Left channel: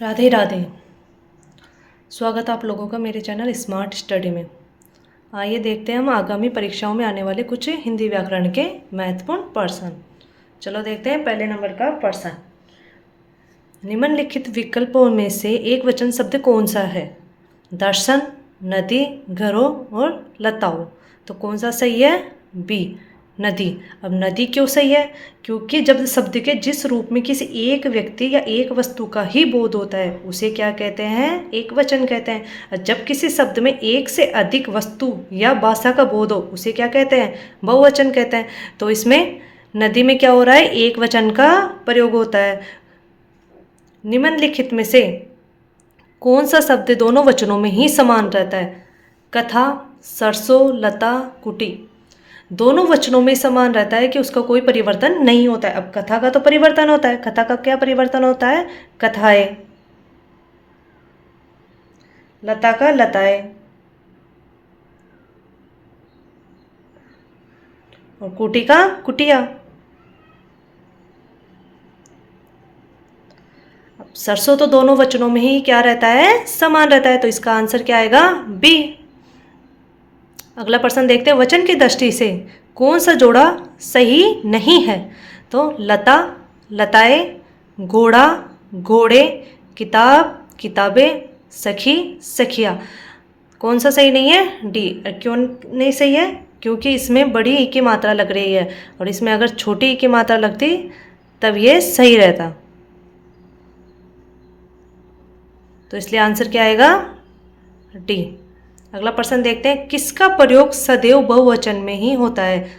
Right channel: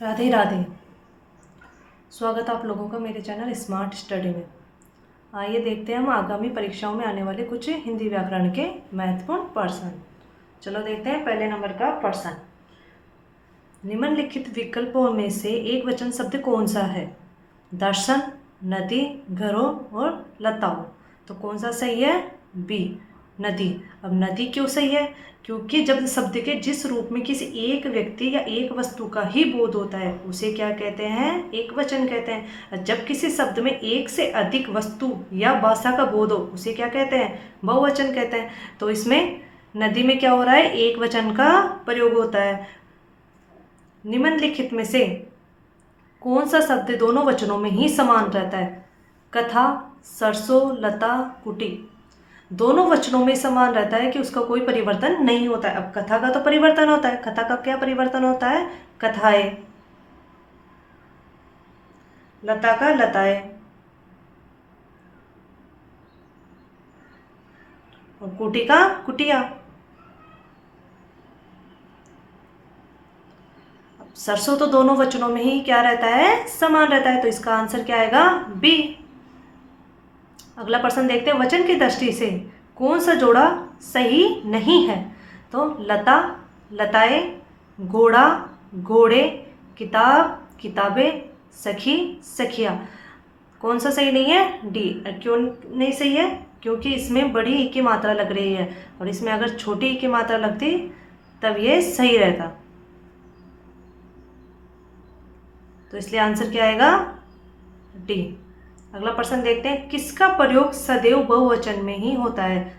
राधे राधे। स्वागत है आप लोगों का मेरे चैनल स्मार्ट स्टडी में। आइए देखते हैं हम आगामी परीक्षाओं में आने वाले कुछ हिंदी व्याकरण के महत्वपूर्ण प्रश्न। चलो देखते हैं पहले नंबर का प्रश्न। निम्नलिखित विकल्पों में से एक वचन शब्द कौन सा है? दर्शन, नदी, घरों और लताओं। तो कौन सा सही है? बी, नदी। अब नदी क्यों सही है? क्योंकि जब शब्द के जिस रूप में किसी एक व्यक्ति या एक वस्तु का ही बोध होता है उसे क्या कहते हैं? एक वचन कहते हैं। और जब किसी शब्द में एक से अधिक वस्तु या भाषा का बोध हो उसे क्या कहते हैं? बहुवचन कहते हैं। तो इसमें नदी में क्या हो रहा है? एक वचन का प्रयोग होता है। निम्नलिखित में से कौन सा शब्द दोनों वचनों में ही समान रहता है? कथा, सरसों, लता, कुटी। दोनों वचनों में समान रहता है कि उसका कोई परिवर्तन नहीं होता है। अब कथा का तो परिवर्तन होता है। कथा का क्या परिवर्तन होता है? कथाएं। लता का लताएं। और कुटी का कुटिया। सरसों तो दोनों वचनों में ही क्या रहता है? समान रहता है। तो इसका आंसर क्या आएगा? बी। अगला प्रश्न देखते हैं। वचन की दृष्टि से कौन सा जोड़ा सही नहीं है? तो लता, लताएं, घोड़ा, घोड़े, किताब, किताबें, सखी, सखिया। कौन सा सही नहीं है? डी। क्यों नहीं सही है? क्योंकि इसमें बड़ी ई की मात्रा लग रही है और इसमें अगर छोटी ई की मात्रा लगती तब ये सही रहता। तो इसलिए आंसर क्या आएगा? डी। अगला प्रश्न देखते हैं। किसका प्रयोग सदैव बहुवचन में ही होता है?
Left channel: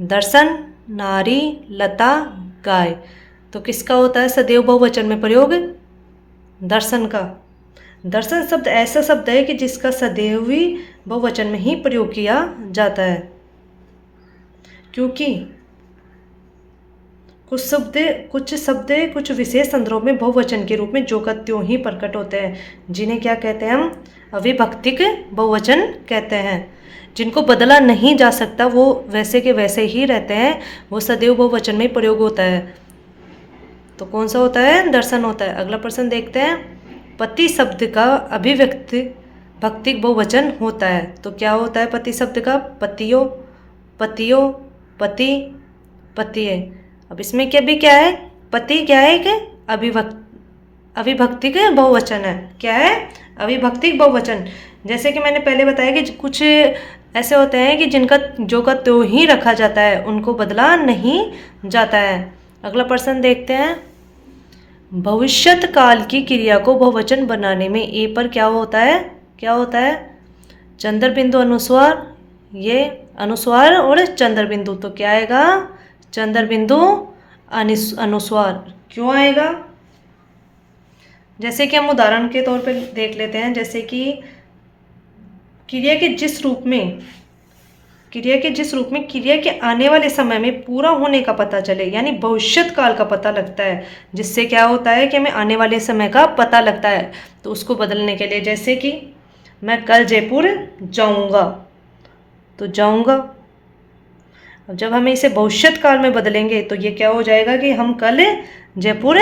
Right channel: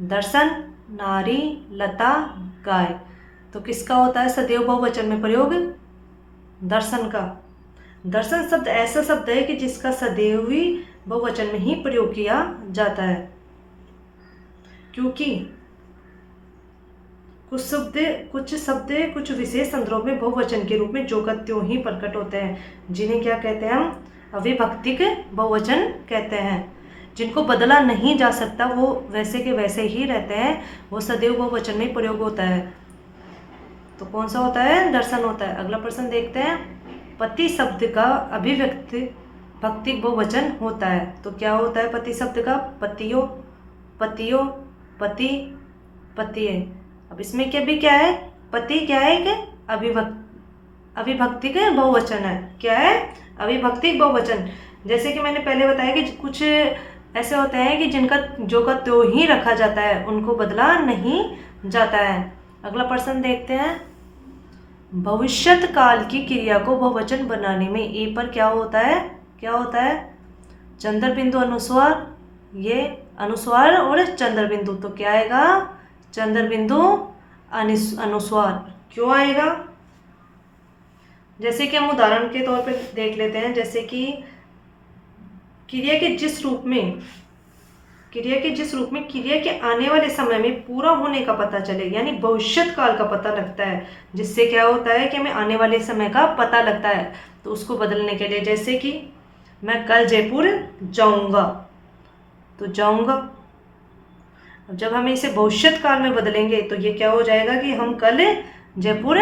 दर्शन, नारी, लता, गाय। तो किसका होता है सदैव बहुवचन में प्रयोग? दर्शन का। दर्शन शब्द ऐसा शब्द है कि जिसका सदैव ही बहुवचन में ही प्रयोग किया जाता है। क्योंकि कुछ विशेष संदर्भों में बहुवचन के रूप में जो का त्यों ही प्रकट होते हैं, जिन्हें क्या कहते हैं? हम अविभक्तिक बहुवचन कहते हैं। जिनको बदला नहीं जा सकता, वो वैसे के वैसे ही रहते हैं, वो सदैव बहुवचन में प्रयोग होता है। तो कौन सा होता है? दर्शन होता है। अगला प्रश्न देखते हैं। पति शब्द का अभिव्यक्ति भक्तिक बहुवचन होता है। तो क्या होता है पति शब्द का? पतियों, पतियों, पति, पतिये। अब इसमें क्या है? पति क्या है? एक अविभक्तिक बहुवचन है। क्या है? अविभक्तिक बहुवचन। जैसे कि मैंने पहले बताया कि कुछ ऐसे होते हैं कि जिनका जो का त्यों ही रखा जाता है, उनको बदला नहीं जाता है। अगला प्रश्न देखते हैं। भविष्यत काल की क्रिया को बहुवचन बनाने में ए पर क्या होता है? क्या होता है? चंद्र बिंदु अनुस्वार। ये अनुस्वार और चंद्र बिंदु। तो क्या आएगा? चंद्र बिंदु अनुस्वार। क्यों आएगा? जैसे कि हम उदाहरण के तौर पे देख लेते हैं। जैसे कि क्रिया के जिस रूप में क्रिया के आने वाले समय में पूरा होने का पता चले, यानी भविष्यत काल का पता लगता है, जिससे क्या होता है कि हमें आने वाले समय का पता लगता है। तो उसको बदलने के लिए, जैसे कि मैं कल जयपुर जाऊंगा, तो जाऊंगा। अब जब हमें इसे भविष्यत काल में बदलेंगे तो ये क्या हो जाएगा कि हम कल जयपुर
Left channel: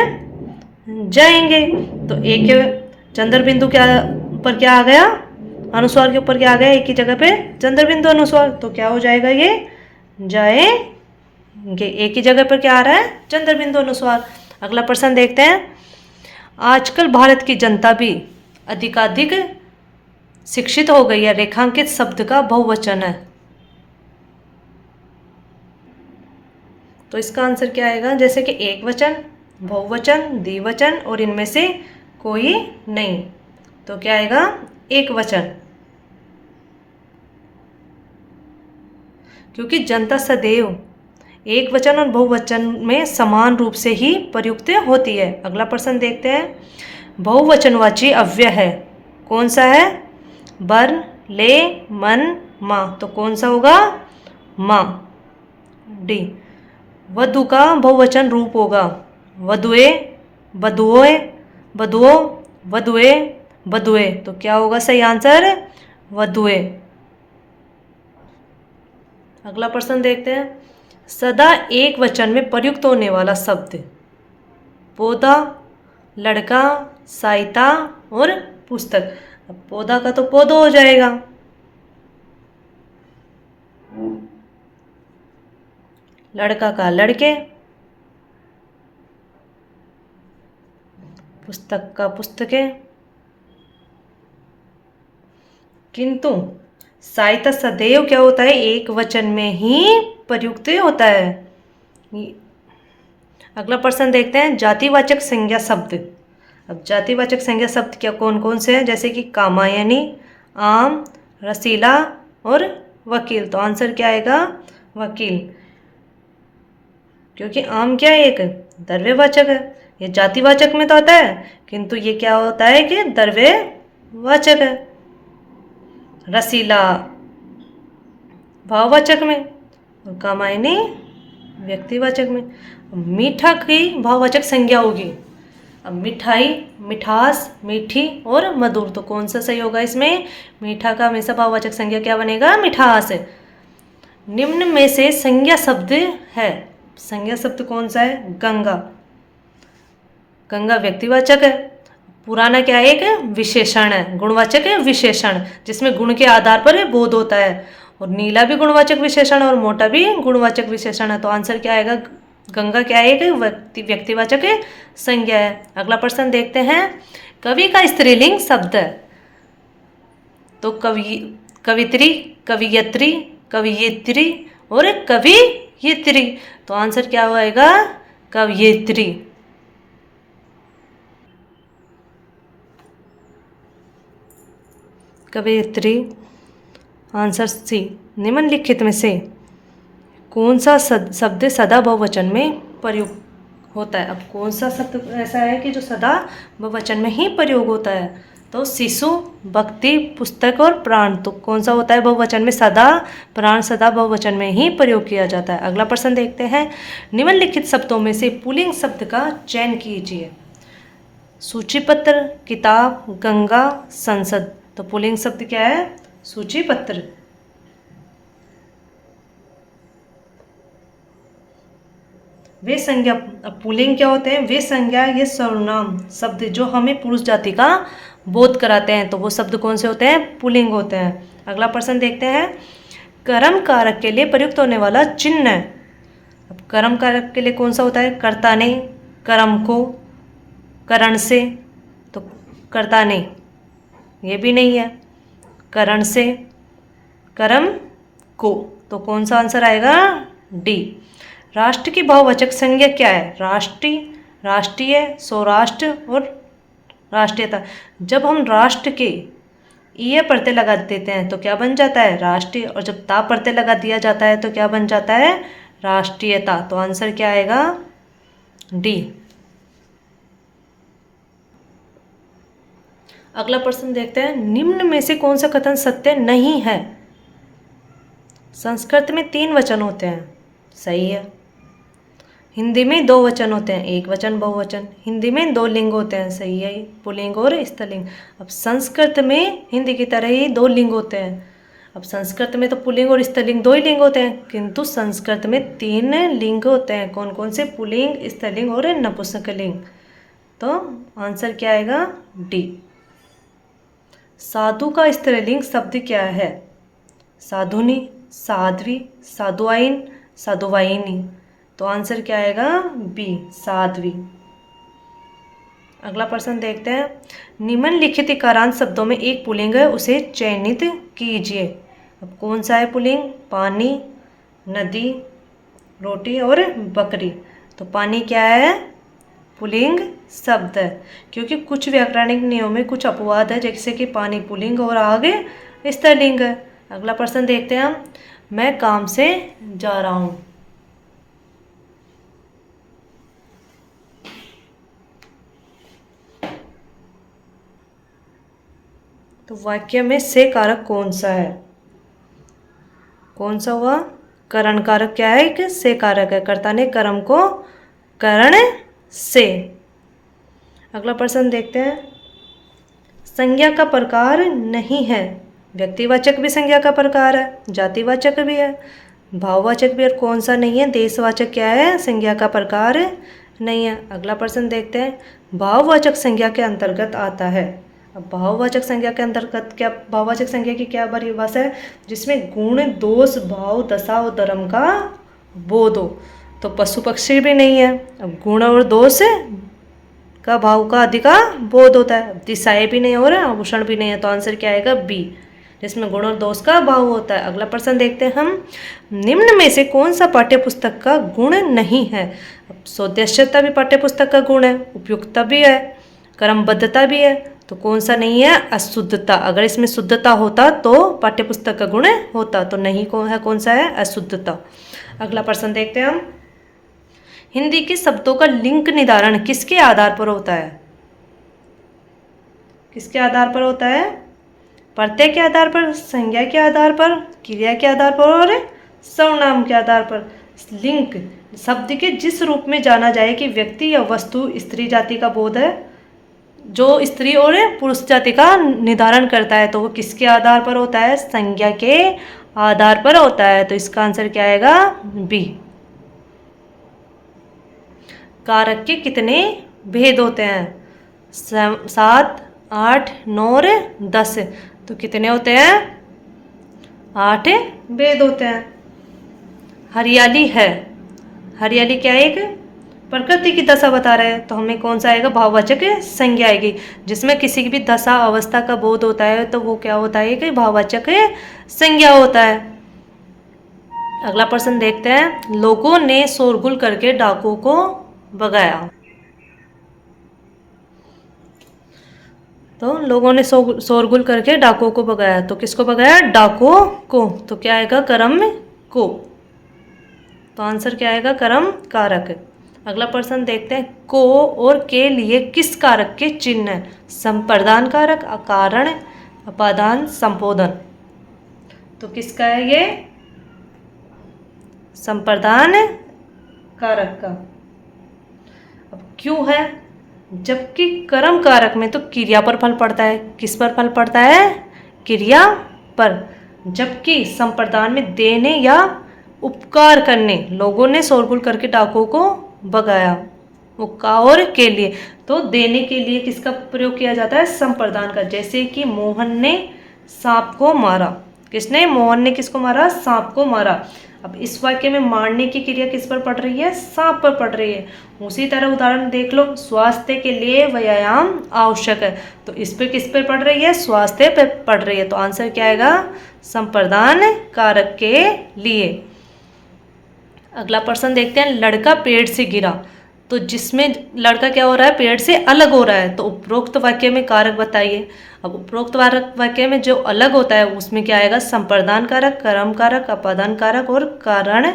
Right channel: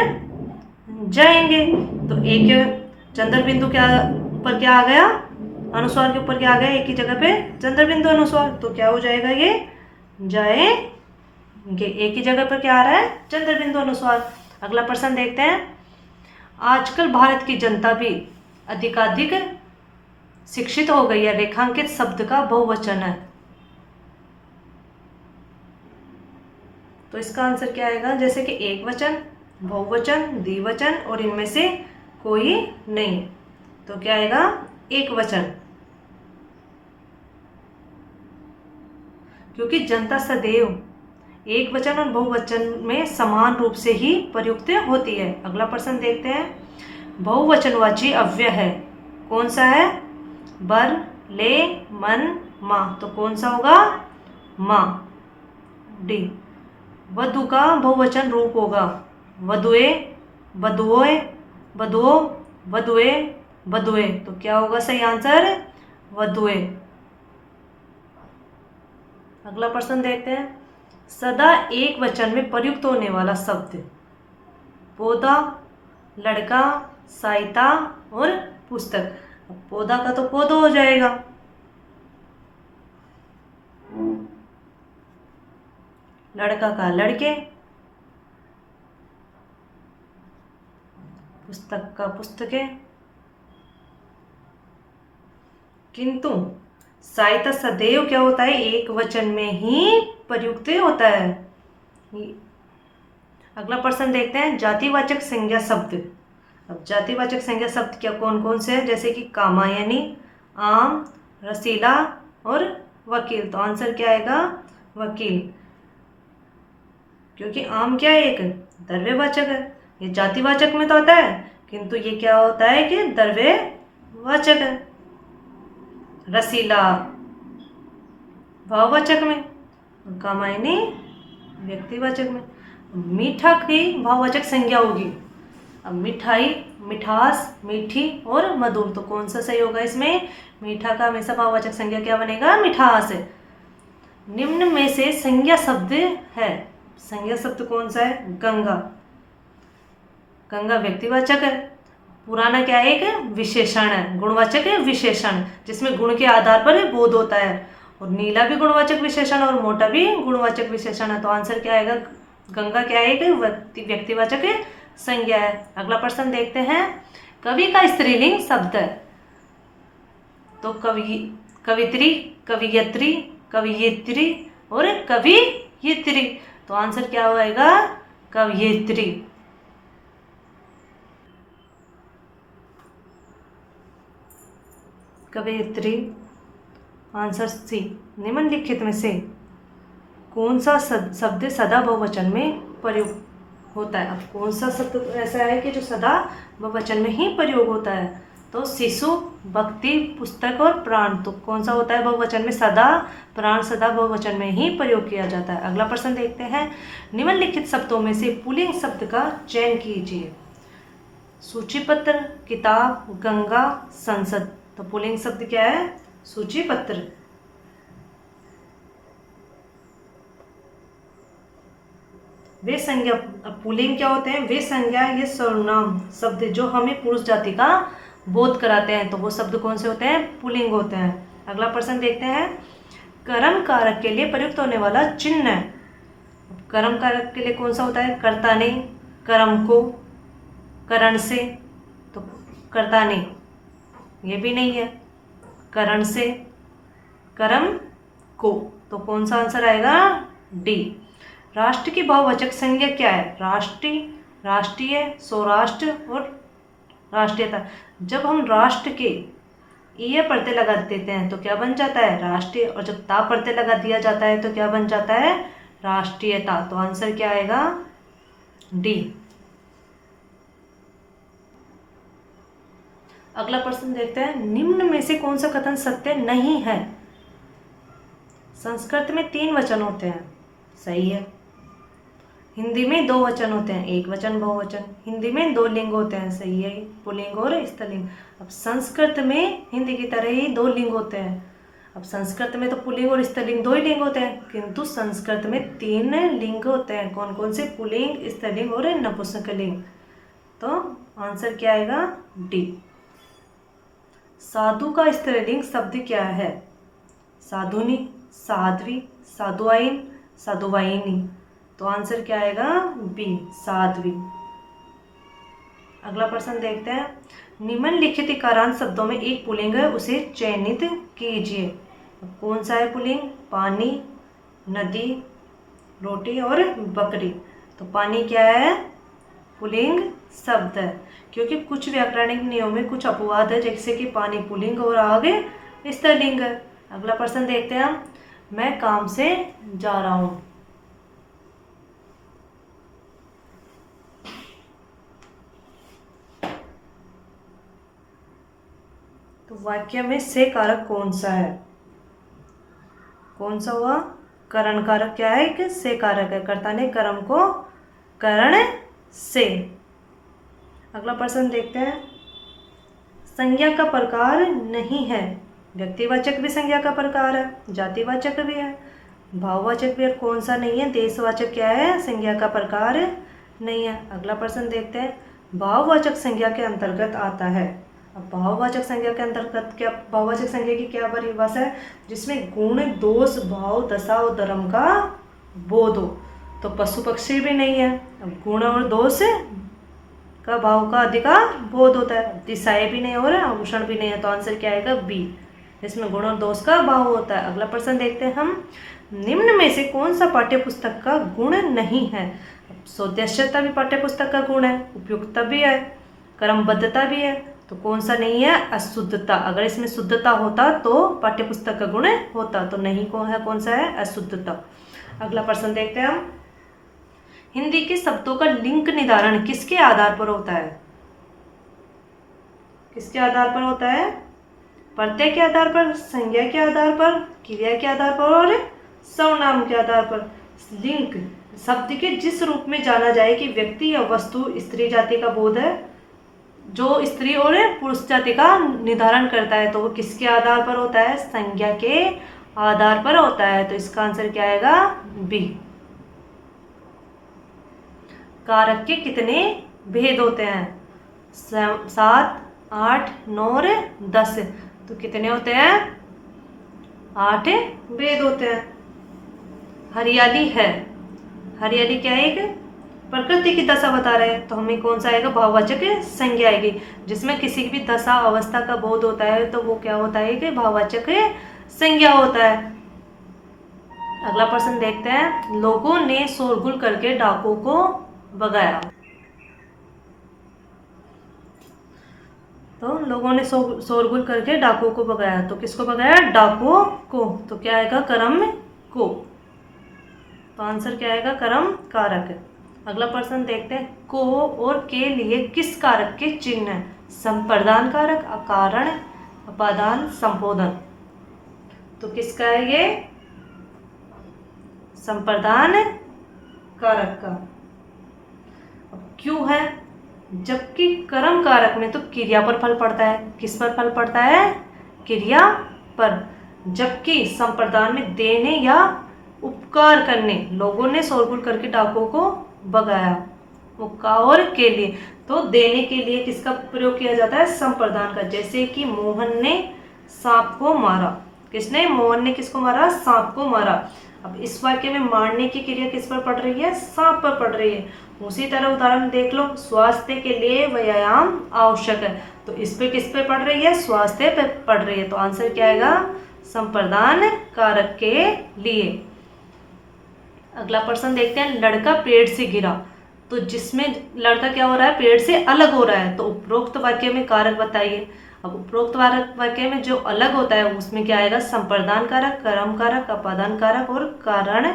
जाएंगे। तो एक चंद्र बिंदु पर क्या आ गया? अनुस्वार के ऊपर क्या आ गया? एक ही जगह पे चंद्र बिंदु अनुस्वार। तो क्या हो जाएगा? ये जाएंगे। एक ही जगह पर क्या आ रहा है? चंद्र बिंदु अनुस्वार। अगला प्रश्न देखते हैं। आजकल भारत की जनता भी अधिकाधिक शिक्षित हो गई है। रेखांकित शब्द का बहुवचन है। तो इसका आंसर क्या आएगा? जैसे कि एक वचन, बहुवचन, द्विवचन और इनमें से कोई नहीं। तो क्या आएगा? एक वचन। क्योंकि जनता सदैव एक वचन और बहुवचन में समान रूप से ही प्रयुक्त होती है। अगला प्रश्न देखते हैं। बहुवचनवाची अव्यय है। कौन सा है? बर, ले, मन, माँ। तो कौन सा होगा? माँ। डी। वधु का बहुवचन रूप होगा वधुए, वधुओं, वधुओं, वधुए, वधुए। तो क्या होगा सही आंसर? वधुए। अगला प्रश्न देखते हैं। सदा एक वचन में प्रयुक्त होने वाला शब्द। पौधा, लड़का, सहायता और पुस्तक। अब पौधा का तो पौधो हो जाएगा। लड़का का लड़के, पुस्तक का पुस्तकें। किंतु सहायता सदैव क्या होता है, एक वचन में ही प्रयुक्त होता है। अगला प्रश्न देखते हैं, जातिवाचक संज्ञा शब्द। अब जातिवाचक संज्ञा शब्द क्या कौन कौन से हैं, जैसे कि कामायनी, आम, रसीला और वकील। तो आंसर क्या आएगा, वकील, क्योंकि आम क्या है, एक द्रव्यवाचक है। ये जातिवाचक में तो आता है, किंतु ये क्या होता है कि द्रव्यवाचक है। रसीला भाववाचक में और कामायनी व्यक्तिवाचक में। मीठा की भाववाचक संज्ञा होगी। अब मिठाई, मिठास, मीठी और मधुर। तो कौन सा सही होगा इसमें, मीठा का हमेशा भाववाचक संज्ञा क्या बनेगा, मिठास। निम्न में से संज्ञा शब्द है, संज्ञा शब्द कौन सा है, गंगा। गंगा व्यक्तिवाचक है। पुराना क्या है, एक विशेषण है, गुणवाचक है विशेषण, जिसमें गुण के आधार पर बोध होता है। और नीला भी गुणवाचक विशेषण और मोटा भी गुणवाचक विशेषण है। तो आंसर क्या आएगा, गंगा क्या है, एक व्यक्तिवाचक संज्ञा है। अगला प्रश्न देखते हैं, कवि का स्त्रीलिंग शब्द है। तो कवि, कवित्री, कवियत्री, कवियत्री और कवियत्री। तो आंसर क्या होएगा, कवियत्री। कवियत्री, आंसर सी। निम्नलिखित में से कौन सा शब्द सदा बहुवचन में प्रयोग होता है। अब कौन सा शब्द ऐसा है कि जो सदा बहुवचन में ही प्रयोग होता है, तो शिशु, भक्ति, पुस्तक और प्राण। तो कौन सा होता है बहुवचन में, सदा, प्राण सदा बहुवचन में ही प्रयोग किया जाता है। अगला प्रश्न देखते हैं, निम्नलिखित शब्दों में से पुल्लिंग शब्द का चयन कीजिए। सूचीपत्र, किताब, गंगा, संसद। तो पुल्लिंग शब्द क्या है, सूचीपत्र। वे संज्ञा, पुल्लिंग क्या होते हैं, वे संज्ञा ये सर्वनाम शब्द जो हमें पुरुष जाति का बोध कराते हैं। तो वो शब्द कौन से होते हैं, पुल्लिंग होते हैं। अगला प्रश्न देखते हैं, कर्म कारक के लिए प्रयुक्त होने वाला चिन्ह। अब कर्म कारक के लिए कौन सा होता है, कर्ता ने, कर्म को, करण से। तो कर्ता ने ये भी नहीं है, करण से, कर्म को। तो कौन सा आंसर आएगा, डी। राष्ट्र की बहुवचक संज्ञा क्या है, राष्ट्रीय, राष्ट्रीय, सौराष्ट्र और राष्ट्रीयता। जब हम राष्ट्र के ये प्रत्यय लगा देते हैं तो क्या बन जाता है, राष्ट्रीय। और जब ता प्रत्यय लगा दिया जाता है तो क्या बन जाता है, राष्ट्रीयता। तो आंसर क्या आएगा, डी। अगला प्रश्न देखते हैं, निम्न में से कौन सा कथन सत्य नहीं है। संस्कृत में 3 वचन होते हैं, सही है। हिंदी में 2 वचन होते हैं, एक वचन बहुवचन। हिंदी में 2 लिंग होते हैं, सही है, पुल्लिंग और स्त्रीलिंग। अब संस्कृत में हिंदी की तरह ही 2 लिंग होते हैं। अब संस्कृत में तो पुल्लिंग और स्त्रीलिंग 2 ही लिंग होते हैं, किंतु संस्कृत में 3 लिंग होते हैं। कौन कौन से, पुल्लिंग, स्त्रीलिंग और नपुंसकलिंग। तो आंसर क्या आएगा, डी। साधु का स्त्रीलिंग शब्द क्या है, साधुनी, साध्वी, साधुआइन, साधुवाइनी। तो आंसर क्या आएगा, बी, साध्वी। अगला प्रश्न देखते हैं, निम्नलिखित इकारांत शब्दों में एक पुल्लिंग है, उसे चयनित कीजिए। अब कौन सा है पुल्लिंग, पानी, नदी, रोटी और बकरी। तो पानी क्या है, पुल्लिंग शब्द है, क्योंकि कुछ व्याकरणिक नियमों में कुछ अपवाद है, जैसे कि पानी पुल्लिंग और आगे स्त्रीलिंग है। अगला प्रश्न देखते हैं हम, मैं काम से जा रहा हूँ। तो वाक्य में से कारक कौन सा है, कौन सा हुआ, करण कारक क्या है, कि से कारक है, कर्ता ने कर्म को करण से। अगला प्रश्न देखते हैं, संज्ञा का प्रकार नहीं है। व्यक्तिवाचक भी संज्ञा का प्रकार है, जातिवाचक भी है, भाववाचक भी है, कौन सा नहीं है, देशवाचक क्या है, संज्ञा का प्रकार नहीं है। अगला प्रश्न देखते हैं, भाववाचक संज्ञा के अंतर्गत आता है। अब भाववाचक संज्ञा के अंतर्गत क्या, भाववाचक संज्ञा की क्या परिभाषा है? जिसमें गुण, दोष, भाव, दशा और धर्म का बोध हो। तो पशु पक्षी भी नहीं है। अब गुण और दोष का, भाव का आदि का बोध होता है। दिशाएं भी नहीं हो रहा, आभूषण भी नहीं है, तो आंसर क्या आएगा? बी, जिसमें गुण और दोष का भाव होता है। अगला प्रश्न देखते हैं हम, निम्न में से कौन सा पाठ्य पुस्तक का गुण नहीं है? सौदेश्यता भी पाठ्य पुस्तक का गुण है, उपयुक्तता भी है, क्रमबद्धता भी है, तो कौन सा नहीं है? अशुद्धता। अगर इसमें शुद्धता होता तो पाठ्य पुस्तक का गुण होता, तो नहीं कौन सा है? अशुद्धता। अगला प्रश्न देखते हैं हम, हिंदी के शब्दों का लिंग निर्धारण किसके आधार पर होता है? किसके आधार पर होता है? प्रत्यय के आधार पर, संज्ञा के आधार पर, क्रिया के आधार पर और सर्वनाम के आधार पर। लिंग शब्द के जिस रूप में जाना जाए कि व्यक्ति या वस्तु स्त्री जाति का बोध है, जो स्त्री और पुरुष जाति का निर्धारण करता है, तो वो किसके आधार पर होता है? संज्ञा के आधार पर होता है। तो इसका आंसर क्या आएगा? बी। कारक के कितने भेद होते हैं? 7, 8, 9 और 10। तो कितने होते हैं? 8 भेद होते हैं। हरियाली है, हरियाली क्या है? एक प्रकृति की दशा बता रहे हैं, तो हमें कौन सा आएगा? भाववाचक संज्ञा आएगी। जिसमें किसी की भी दशा अवस्था का बोध होता है, तो वो क्या होता है? कि भाववाचक संज्ञा होता है। अगला प्रश्न देखते हैं, लोगों ने शोरगुल करके डाकुओं को भगाया। तो लोगों ने शोरगुल करके डाकुओं को भगाया, तो किसको भगाया? डाकुओं को। तो क्या आएगा? कर्म को। तो आंसर क्या आएगा? कर्म कारक। अगला प्रश्न देखते हैं, को और के लिए किस कारक के चिन्ह है? संप्रदान कारक, अकारण, अपादान, संबोधन। तो किसका है ये? संप्रदान कारक का। अब क्यों है? जबकि कर्म कारक में तो क्रिया पर फल पड़ता है। किस पर फल पड़ता है? क्रिया पर। जबकि संप्रदान में देने या उपकार करने, लोगों ने शोरगुल करके डाकुओं को भगाया, उपकार और के लिए। तो देने के लिए किसका प्रयोग किया जाता है? संप्रदान का। जैसे कि मोहन ने सांप को मारा। किसने? मोहन ने किसको मारा? सांप को मारा। अब इस वाक्य में मारने की क्रिया किस पर पड़ रही है? सांप पर पड़ रही है। उसी तरह उदाहरण देख लो, स्वास्थ्य के लिए व्यायाम आवश्यक है, तो इस पे किस पे पड़ रही है? स्वास्थ्य पे पड़ रही है। तो आंसर क्या आएगा? संप्रदान कारक के लिए। अगला प्रश्न देखते हैं, लड़का पेड़ से गिरा। तो जिसमें लड़का क्या हो रहा है? पेड़ से अलग हो रहा है, तो उपरोक्त वाक्य में कारक बताइए। अब उपरोक्त वाक्य में जो अलग होता है उसमें क्या आएगा? संप्रदान कारक, कर्म कारक, अपादान कारक और कारण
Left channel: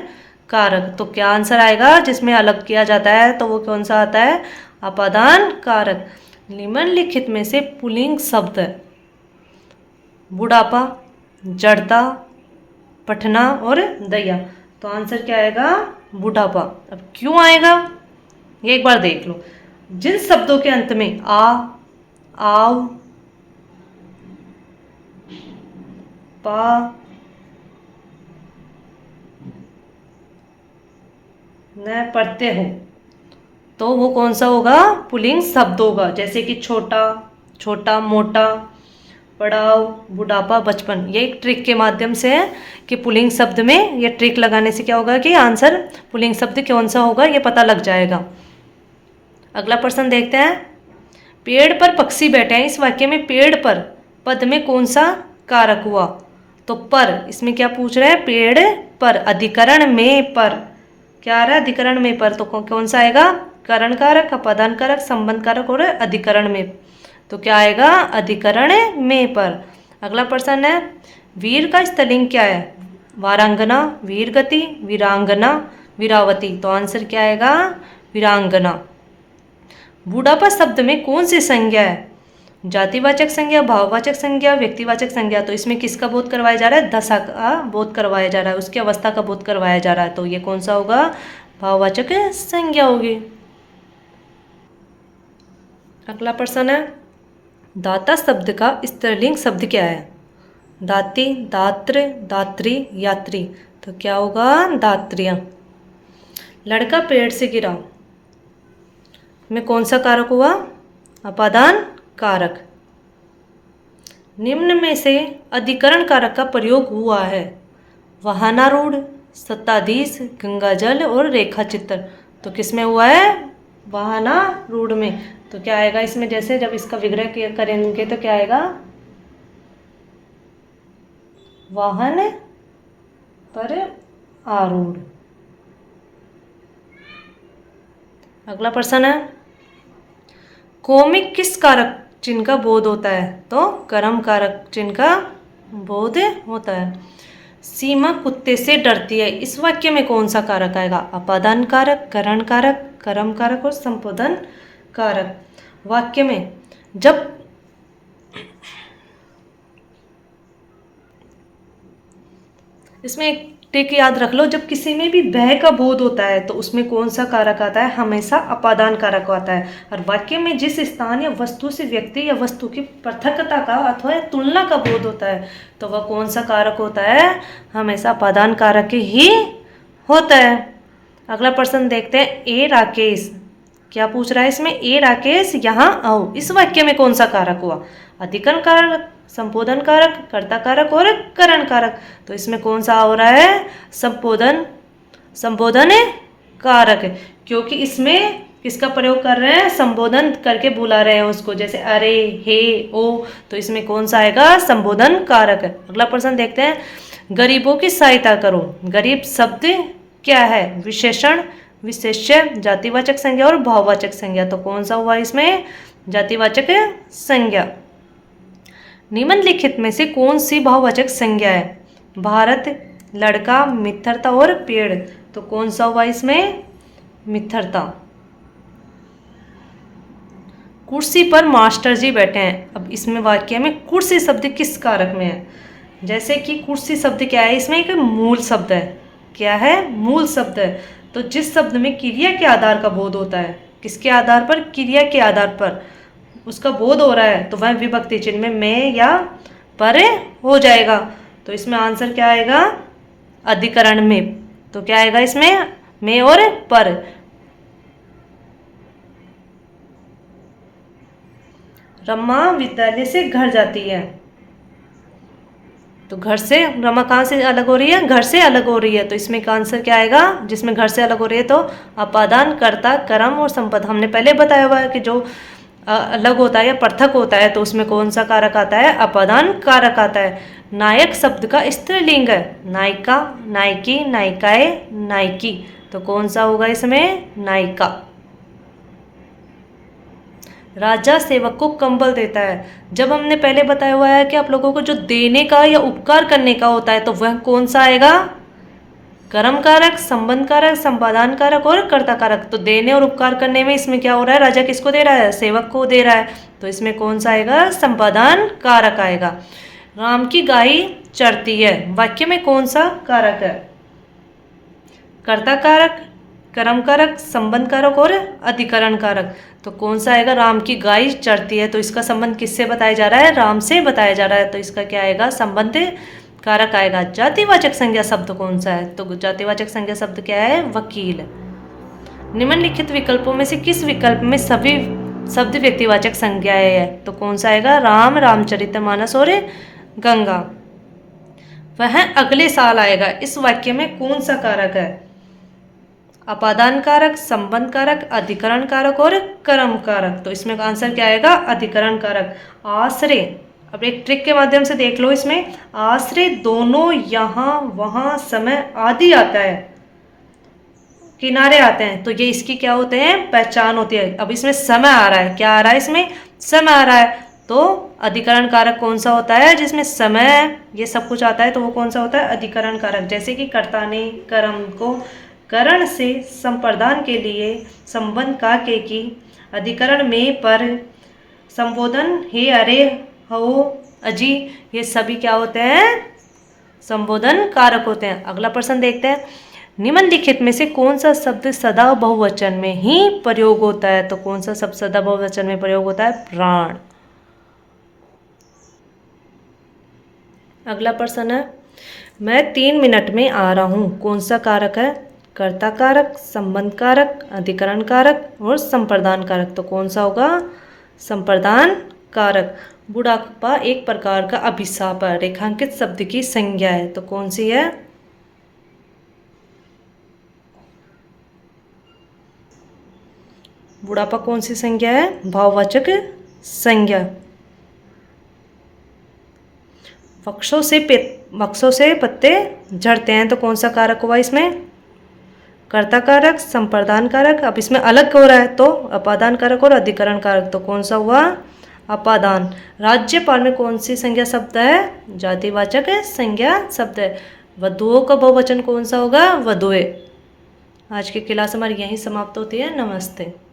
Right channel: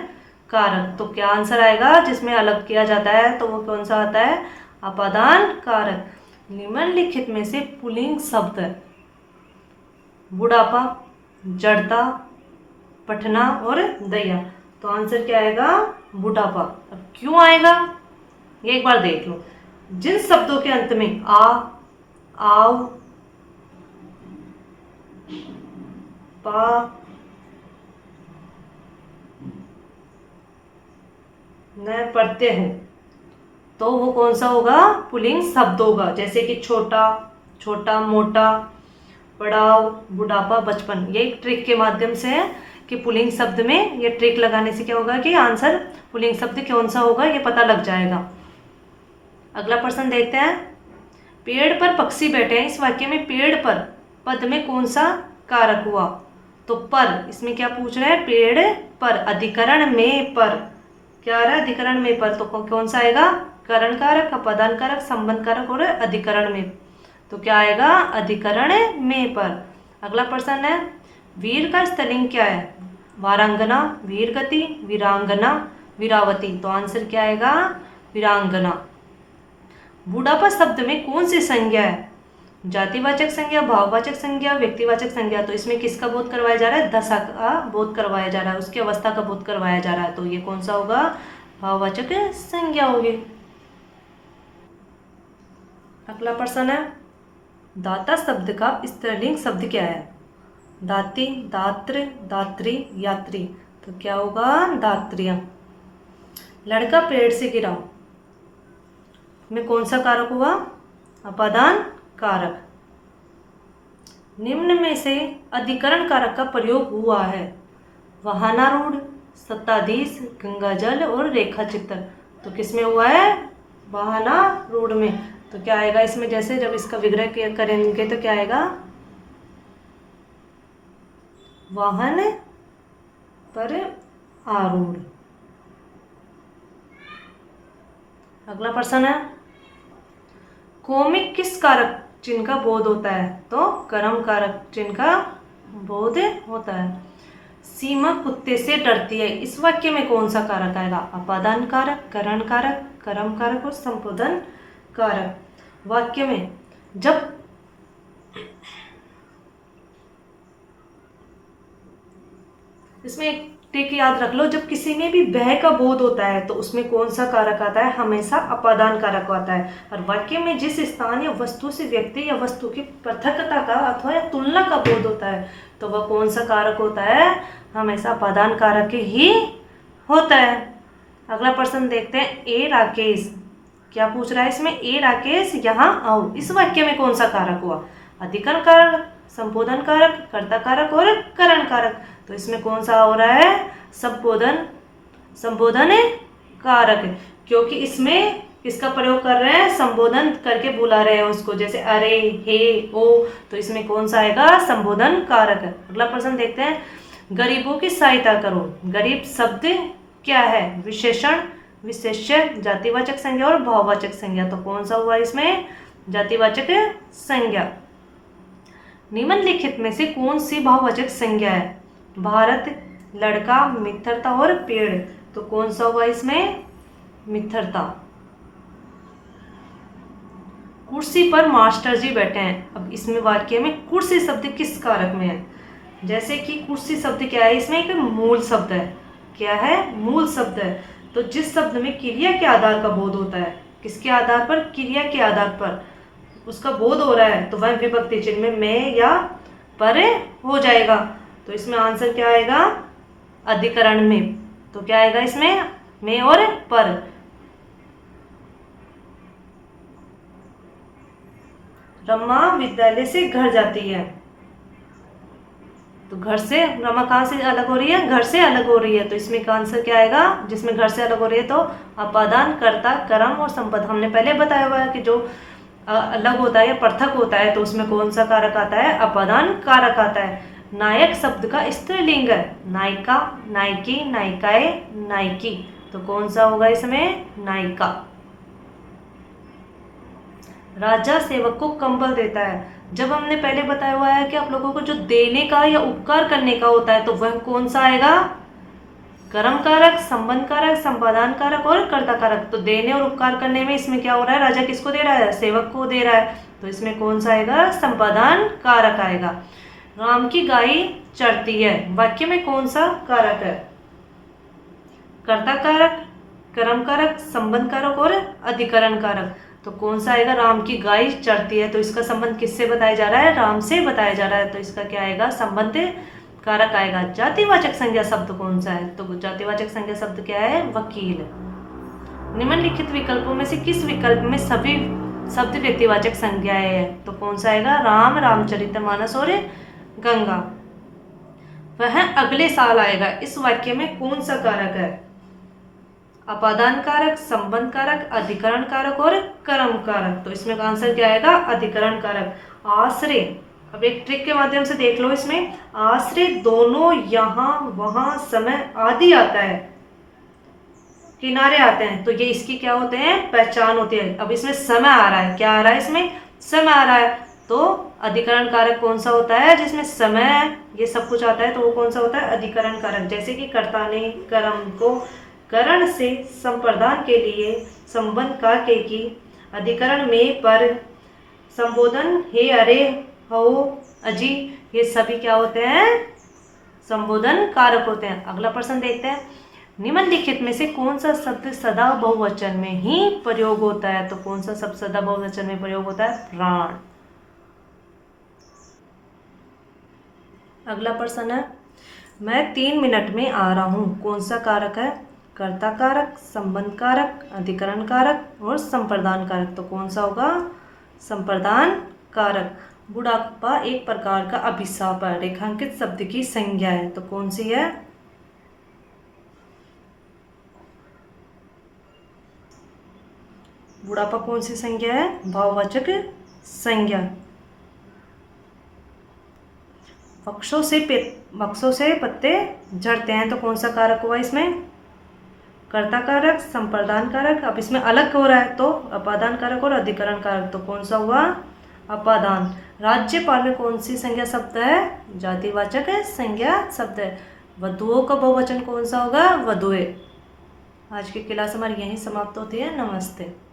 कारक। तो क्या आंसर आएगा? जिसमें अलग किया जाता है तो वो कौन सा आता है? अपादान कारक। निम्नलिखित में से पुल्लिंग शब्द बुढ़ापा, जड़ता, पठना और दया। तो आंसर क्या आएगा? बुढ़ापा। अब क्यों आएगा ये एक बार देख लो। जिन शब्दों के अंत में आ, आओ, पा, न पढ़ते हो, तो वो कौन सा होगा? पुल्लिंग शब्द होगा। जैसे कि छोटा, छोटा, मोटा, पड़ाव, बुढ़ापा, बचपन। ये एक ट्रिक के माध्यम से है कि पुल्लिंग शब्द में ये ट्रिक लगाने से क्या होगा कि आंसर पुल्लिंग शब्द कौन सा होगा ये पता लग जाएगा। अगला प्रश्न देखते हैं, पेड़ पर पक्षी बैठे हैं। इस वाक्य में पेड़ पर पद में कौन सा कारक हुआ? तो पर। इसमें क्या पूछ रहे हैं? पेड़ पर। अधिकरण में पर क्या आ रहा है? अधिकरण में पर। तो कौन सा आएगा? करण कारक, अपादान कारक, संबंध कारक और अधिकरण में। तो क्या आएगा? अधिकरण में पर। अगला प्रश्न है, वीर का स्त्रीलिंग क्या है? वारांगना, वीरगति, वीरांगना, वीरावती। तो आंसर क्या आएगा? वीरांगना। बुढ़ापा शब्द में कौन सी संज्ञा है? जातिवाचक संज्ञा, भाववाचक संज्ञा, व्यक्तिवाचक संज्ञा। तो इसमें किसका बोध करवाया जा रहा है? दशा का बोध करवाया जा रहा है, उसकी अवस्था का बोध करवाया जा रहा है। तो ये कौन सा होगा? भाववाचक संज्ञा होगी। अगला प्रश्न है, दाता शब्द का स्त्रीलिंग शब्द क्या है? दाती, दात्र, दात्री, यात्री। तो क्या होगा? दात्रियां। लड़का पेड़ से गिरा। में कौन सा कारक हुआ? अपादान कारक। निम्न में से अधिकरण कारक का प्रयोग हुआ है? वाहनारूढ़, सत्ताधीश, गंगाजल और रेखा चित्र। तो किस में हुआ है? वाहनारूढ़ में। तो क्या आएगा इसमें? जैसे जब इसका विग्रह करेंगे तो क्या आएगा? वाहन पर आरूढ़। अगला प्रश्न है, कौमिक किस कारक चिन्ह का बोध होता है? तो कर्म कारक चिन्ह का बोध होता है। सीमा कुत्ते से डरती है, इस वाक्य में कौन सा कारक आएगा? अपादान कारक, करण कारक, कर्म कारक और संबोधन कारक। वाक्य में जब इसमें एक टिक याद रख लो, जब किसी में भी भय का बोध होता है तो उसमें कौन सा कारक आता है? हमेशा अपादान कारक आता है। और वाक्य में जिस स्थान या वस्तु से व्यक्ति या वस्तु की पृथकता का अथवा तुलना का बोध होता है तो वह कौन सा कारक होता है? हमेशा अपादान कारक ही होता है। अगला प्रश्न देखते हैं, ए राकेश। क्या पूछ रहा है इसमें? ए राकेश यहाँ आओ, इस वाक्य में कौन सा कारक हुआ? अधिकरण कारक, संबोधन कारक, कर्ता कारक और करण कारक। तो इसमें कौन सा हो रहा है? संबोधन कारक, क्योंकि इसमें किसका प्रयोग कर रहे हैं? संबोधन करके बुला रहे हैं उसको, जैसे अरे, हे, ओ। तो इसमें कौन सा आएगा? संबोधन कारक। अगला प्रश्न देखते हैं, गरीबों की सहायता करो। गरीब शब्द क्या है? विशेषण, विशेष्य, जातिवाचक संज्ञा और भाववाचक संज्ञा। तो कौन सा हुआ इसमें? जातिवाचक संज्ञा। निम्नलिखित में से कौन सी भाववाचक संज्ञा है? भारत, लड़का, मित्रता और पेड़। तो कौन सा हुआ इसमें? मित्रता। कुर्सी पर मास्टर जी बैठे हैं। अब इसमें वाक्य में कुर्सी शब्द किस कारक में है? जैसे कि कुर्सी शब्द क्या है? इसमें एक मूल शब्द है। क्या है? मूल शब्द है। तो जिस शब्द में क्रिया के आधार का बोध होता है, किसके आधार पर? क्रिया के आधार पर उसका बोध हो रहा है, तो वह विभक्ति चिन्ह में मैं या पर हो जाएगा। तो इसमें आंसर क्या आएगा? अधिकरण में। तो क्या आएगा इसमें? मैं और पर। रमा विद्यालय से घर जाती है। तो घर से रमा कहाँ से अलग हो रही है? घर से अलग हो रही है। तो इसमें का आंसर क्या आएगा? जिसमें घर से अलग हो रही है तो अपादान, कर्ता, कर्म और संपद। हमने पहले बताया हुआ है कि जो अलग होता है या पृथक होता है तो उसमें कौन सा कारक आता है? अपादान कारक आता है। नायक शब्द का स्त्रीलिंग है। नायिका, नायकी, नायिकाए, नायकी। तो कौन सा होगा इसमें? नायिका। राजा सेवक को कंबल देता है। जब हमने पहले बताया हुआ है कि आप लोगों को जो देने का या उपकार करने का होता है तो वह कौन सा आएगा? कर्म कारक, संबंध कारक, संपादान कारक और कर्ता कारक। तो देने और उपकार करने में इसमें क्या हो रहा है? राजा किसको दे रहा है? सेवक को दे रहा है। तो इसमें कौन सा आएगा? संपादान कारक आएगा। राम की गाय चरती है। वाक्य में कौन सा कारक है? कर्ता कारक, कर्म कारक, संबंध कारक और अधिकरण कारक। तो कौन सा आएगा? राम की गाय चरती है। तो इसका संबंध किससे बताया जा रहा है? राम से बताया जा रहा है। तो इसका क्या आएगा? संबंध कारक आएगा। जातिवाचक संज्ञा शब्द कौन सा है? तो जातिवाचक संज्ञा शब्द क्या है? वकील। निम्नलिखित विकल्पों में से किस विकल्प में सभी शब्द व्यक्तिवाचक संज्ञाएं है? तो कौन सा आएगा? राम, रामचरितमानस और गंगा। वह अगले साल आएगा, इस वाक्य में कौन सा कारक है? अपादान कारक, संबंध कारक, अधिकरण कारक और कर्म कारक। तो इसमें आंसर क्या आएगा? अधिकरण कारक। आश्रय, अब एक ट्रिक के माध्यम से देख लो। इसमें आश्रय दोनों, यहाँ, वहां, समय आदि आता है, किनारे आते हैं, तो ये इसकी क्या होते हैं? पहचान होती है। अब इसमें समय आ रहा है। क्या आ रहा है इसमें? समय आ रहा है। तो अधिकरण कारक कौन सा होता है? जिसमें समय ये सब कुछ आता है तो वो कौन सा होता है? अधिकरण कारक। जैसे कि कर्ता ने कर्म को करण से संप्रदान के लिए संबंध का के की, अधिकरण में पर, संबोधन हे, अरे, हो, अजी, ये सभी क्या होते हैं? संबोधन कारक होते हैं। अगला प्रश्न देखते हैं, निम्नलिखित में से कौन सा शब्द सदा बहुवचन में ही प्रयोग होता है? तो कौन सा शब्द सदा बहुवचन में प्रयोग होता है? प्राण। अगला प्रश्न है, मैं 3 मिनट में आ रहा हूँ, कौन सा कारक है? कर्ता कारक, संबंध कारक, अधिकरण कारक और संप्रदान कारक। तो कौन सा होगा? संप्रदान कारक। बुढ़ापा एक प्रकार का अभिशाप है, रेखांकित शब्द की संज्ञा है। तो कौन सी है? बुढ़ापा कौन सी संज्ञा है? भाववाचक संज्ञा। वृक्षों से पत्ते झड़ते हैं। तो कौन सा कारक हुआ इसमें? कर्ता कारक, संप्रदान कारक। अब इसमें अलग हो रहा है तो अपादान कारक और अधिकरण कारक। तो कौन सा हुआ? अपादान। राज्यपाल में कौन सी संज्ञा शब्द है? जातिवाचक संज्ञा शब्द है। वधुओं का बहुवचन कौन सा होगा? वधुए। आज की क्लास हमारी यहीं समाप्त होती है। नमस्ते।